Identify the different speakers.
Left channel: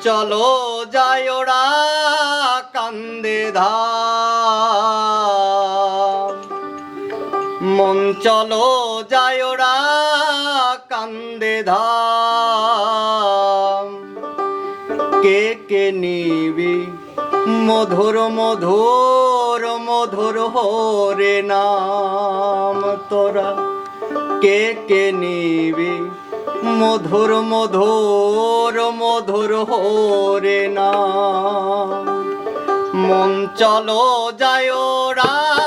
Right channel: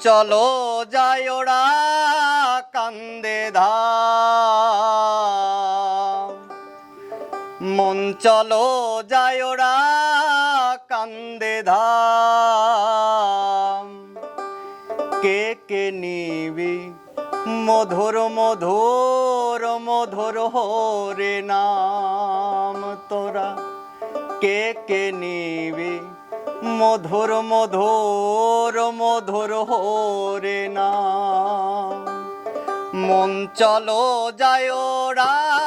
Speaker 1: চলো যায় ওরা কান্দে ধাম। মন চলো যায় ওরা কান্দে ধাম। কে কে নিবি? মধুর মধুর মধুর হরে নাম তোরা। কে কে নিবি? মধুর মধুর হরে না। মন চলো যায় রা